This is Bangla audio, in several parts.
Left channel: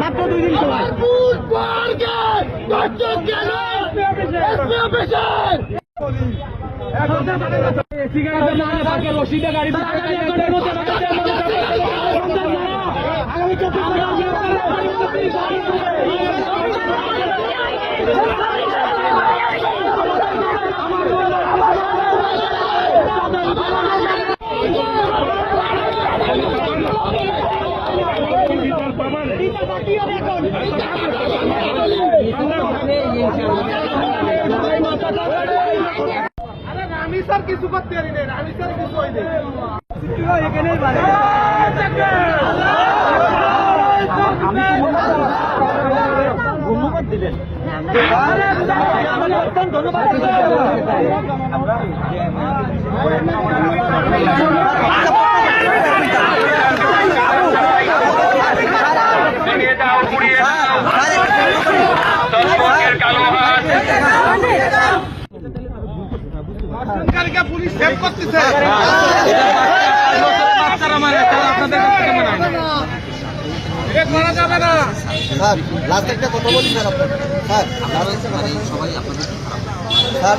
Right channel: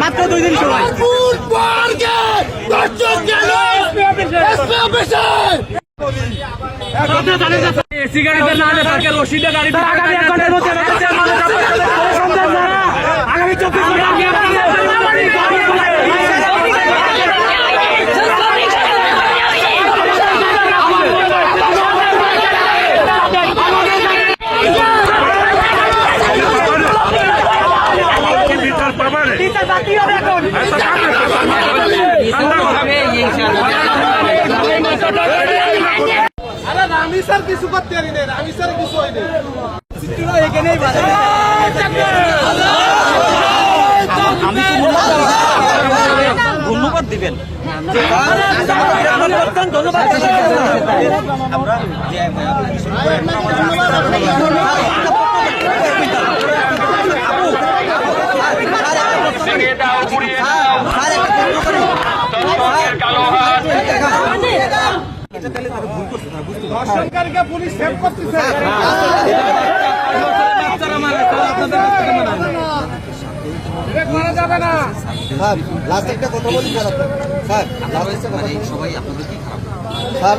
মাত্র 2 দিন সময় এসি গাড়িতে না হলে তাকে রশিদে গাড়িতে আগামী 24 আমি স্যার কিছু করতে পারি না, আমি স্যার কিছু হয় না। ধন্যবাদ দিবেন ধন্যবাদ আমরা পুলিশ হেল্প করতেছে। স্যার লাস্ট একটা কথা বলি স্যার, স্যার আপনার হয়েছে মানে সবাই আপনাদের কি খারাপ স্যার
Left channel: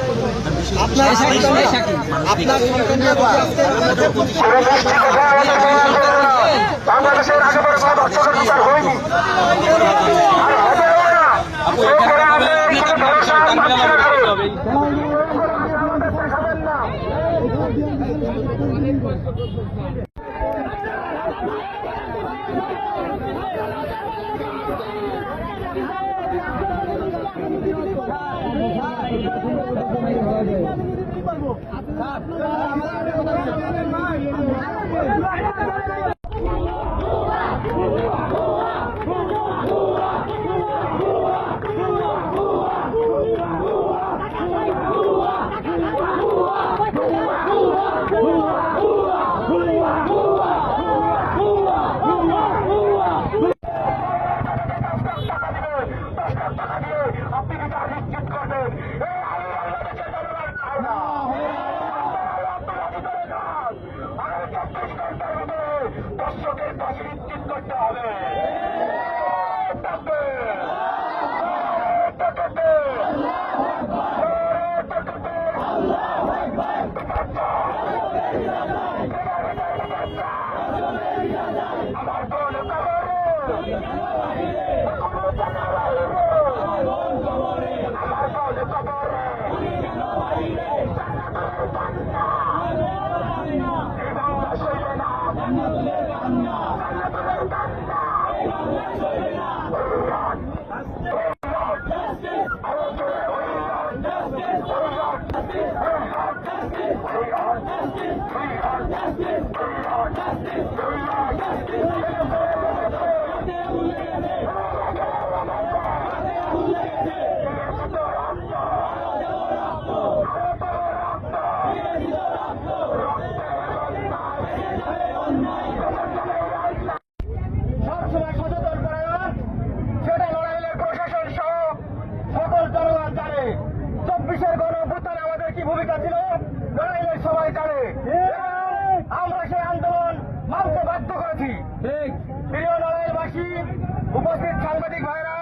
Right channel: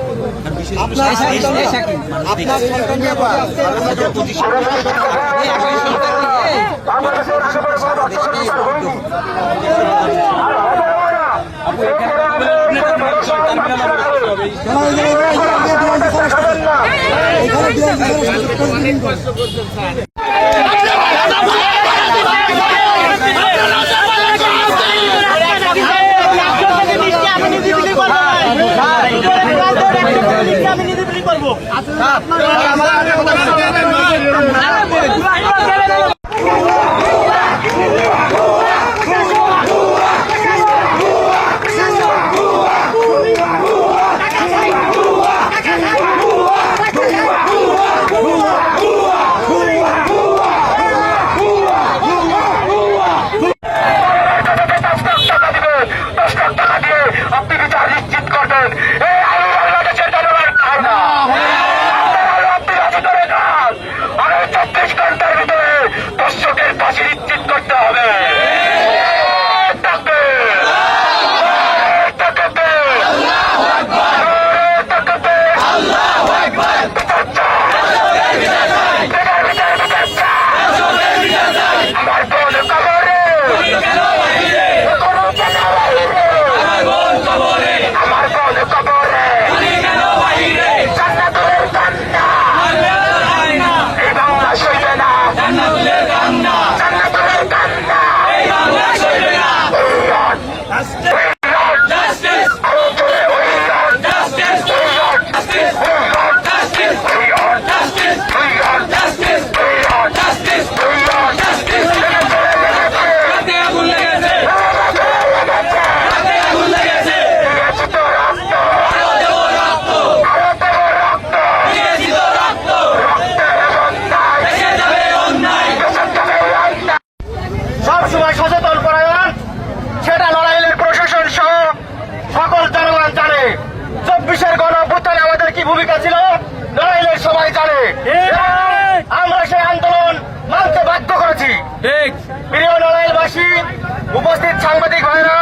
উপস্থিত সাংবাদিক ভাইরা,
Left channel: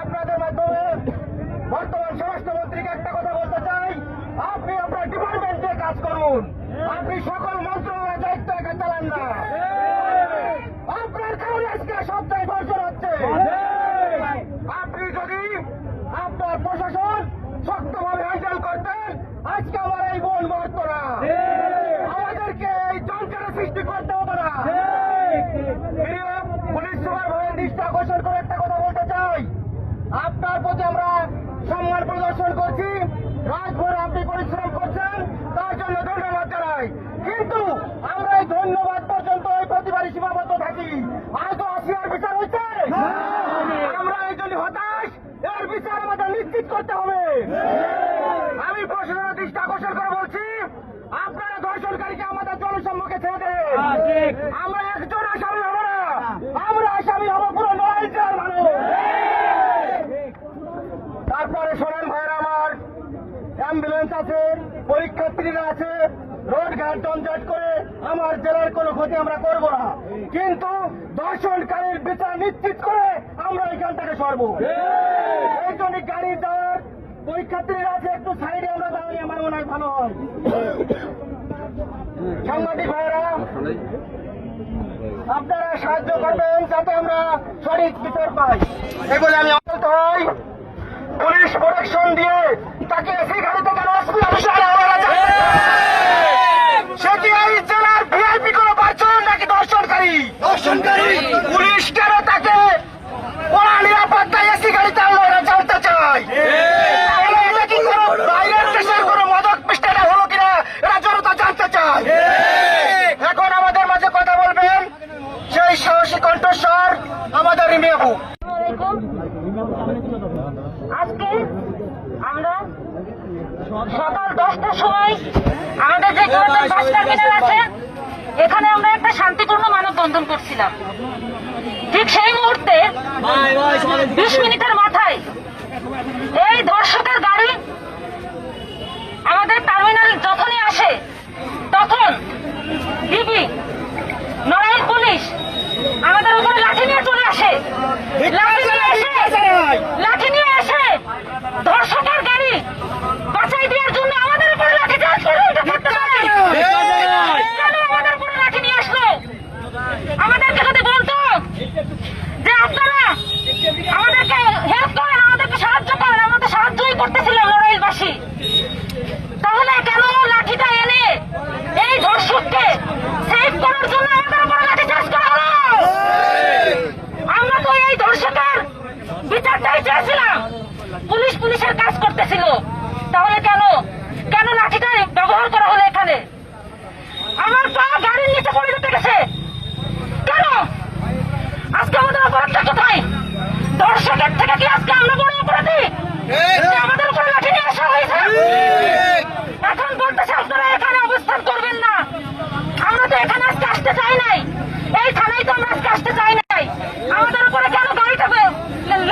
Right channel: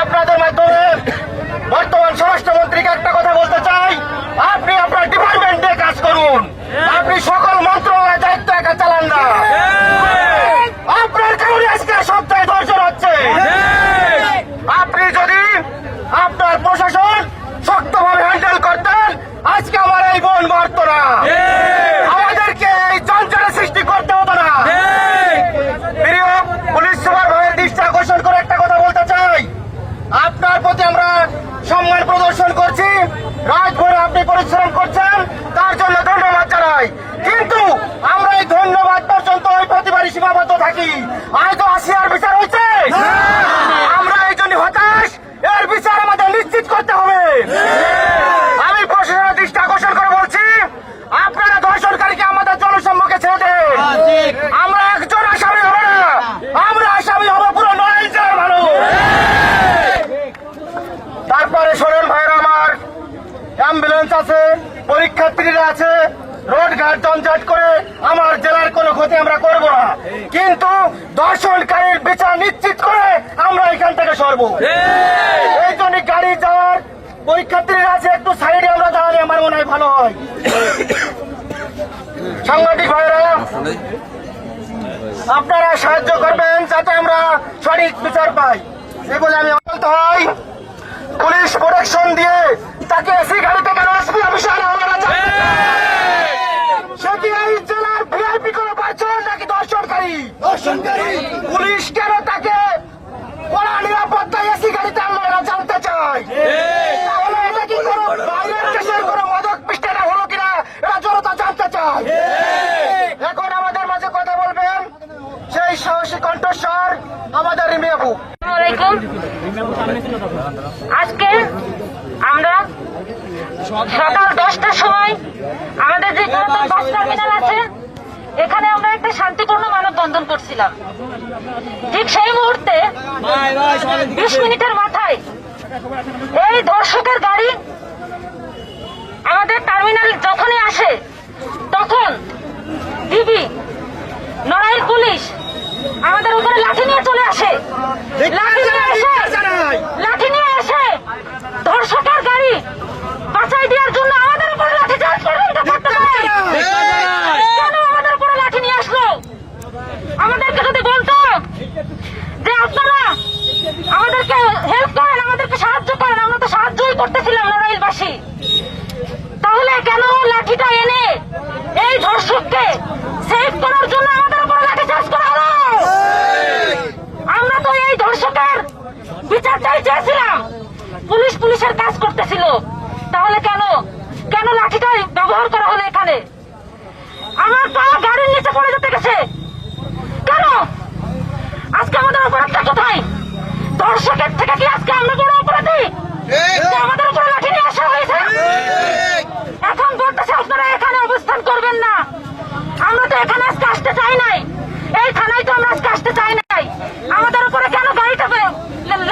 আপনাদের মাধ্যমে বর্তমান স্বরাষ্ট্রমন্ত্রীকে একটা কথা বলতে চাই, আপনি আপনার ডিপার্টমেন্টে কাজ করুন, আপনি সকল মন্ত্রণালয়ের দায়িত্ব একা চালান না। আপনার কারণে আজকে সপ্তাহে দর্শন হচ্ছে। আপনি যদি আপনার প্রশাসন শক্তভাবে হ্যান্ডেল করতেন, আজকে আমার এই বোন মরত না, আমাদেরকে এই চঞ্চলের সৃষ্টি করতে হতো না। প্রিয় পুলিশ সুপার ভাইয়ের দৃষ্টি আকর্ষণ করে একটা কথা বলতে চাই, আপনার প্রতি আমরা সম্মান প্রদর্শন করছি, রাতভর আপনি পরিশ্রম করছেন, তার জন্য ধন্যবাদ জানাই। কিন্তু আমরা এই ধন্যবাদ পর্যন্ত ওই প্রতিবারই সীমাবদ্ধ থাকি। আজ তো আসিয়ার বিচার হয়েছে, আমরা এই জন্য হতাশ, এর বিচার আমাদের নিশ্চিত করতে হবে। আমি প্রশাসনের দৃষ্টি আকর্ষণ করে বলছি, আপনারা ধর্ষণকারীকে আমাদের জনসম্মুখে ছেড়ে দেন। আমরা একজন আসামি হব না, আমরা আসামি হব পুরো নয়জন মানুষ। তারপরে শোনেন ভাইরা আমার, অ্যাম্বুলেন্স আছে, পরীক্ষার্থীরা আছে, রোড ঘাট জঞ্জাট করে আমার জেলার কোনো ক্ষতি আমরা করব না, কিন্তু দর্শনকারীর বিচার নিশ্চিত করে আমরা এখান থেকে সরবো। এই জন্য গাড়ি যাওয়ার পরীক্ষার্থীরা আছে, একটু সাইডে আমরা দাঁড়ালে আমার মনে হয় ভালো হয়। সাংবাদিক ভাইরা, আপনারা সাহায্য করবেন যাতে আমরা সঠিক বিচার পাই, এই বলে আমি বলতে হয়। পুলিশ প্রোটেকশন দিয়ে তাকে এসি গাড়িতে কেন এসপি অফিসে আনা হলো না? সে কি এই জেলার ভিআইপি কোনো পার্সন নাকি দর্শনকারী? পুলিশ কেন তাকে কড়া নিরাপত্তায় এসি গাড়িতে আনলো এরা জানতে চাই। তাহলে এটা কি কোনো বাইরের দেশের কোনো মদক পিস্টেরা হলো কিনা এরা জনতা জানতে চায়। এখন আমাদের মাঝে কথা বলবেন সেই সাহসী কণ্ঠস্বর আমাদের রিমি আপু। আসসালামু আজকে আমরা সকাল 10টার সময় আমাদের যে পুরাতন বাস টার্মিনাল আছে এখানে আমরা একটা শান্তিপূর্ণ মানববন্ধন করছিলাম। ঠিক সেই মুহূর্তে 20 মিনিটের মাথায় এই দর্শকের গাড়ি আমাদের টার্মিনাল যখনই আসে তখন ডিবি নড়াইল পুলিশ আমাদের উপরে লাঠি নিয়ে চলে আসে। লাঠি নিয়ে এসে দর্শকের গাড়ি বাঁচাই দেওয়ার জন্য আমাদের উপরে লাঠি চার্জ করে এটা করতে পারে। কেন আমাদের উপরে লাঠি নিয়ে আসলো? আমাদেরকে যদি বলতো যে আপনারা আমাদেরকে হেল্প করেন, আমাদেরকে সাহায্য করেন, আমরা তো সাহায্যই করতেছিলাম নড়াইলবাসী, তাহলে কেন লাঠিটা এনে এই ধর্ষককে সেভ করার জন্য আমাদের উপরে লাঠি চার্জ করা হলো? আমরা তো এই ধর্ষকের বিচারটাই চেয়েছিলাম, পুলিশের কাজ করতেছিল, তাহলে কেন লাঠিটা ব্যবহার করা হলো এখানে? আমার পা গাড়ির নিচে পড়ে যেতে গেছে কেন? আজকে আমাদের অপরাধটা কোথায়? দর্শকের থেকে কি আজকে আমরা বড় অপরাধী? আমাদের উপরে লাঠি নিয়ে আসা হয়েছে। এখন বলতেছে আপনারা এখানে অবস্থান করবেন না। আমরা তো এখানে আজকে আসতে চাই নাই, এই থানায় তো আমরা আজকে আসতে চাই নাই। আমাদের উপরে কেন গাড়িটা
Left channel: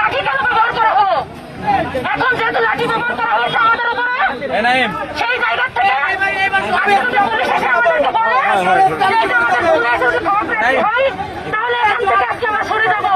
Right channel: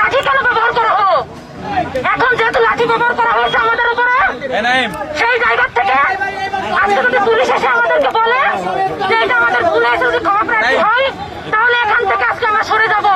লাঠি কেন ব্যবহার করা হলো? এখন যেহেতু লাঠি ব্যবহার করা হয়েছে আমাদের উপরে, সেই জায়গা থেকে আজকে যদি পুলিশ এসে আমাদেরকে বলে যে এটা আমাদের ভুল হয়েছে, যদি ক্ষমা প্রার্থী হয় তাহলে এখান থেকে আজকে আমরা সরে যাবো।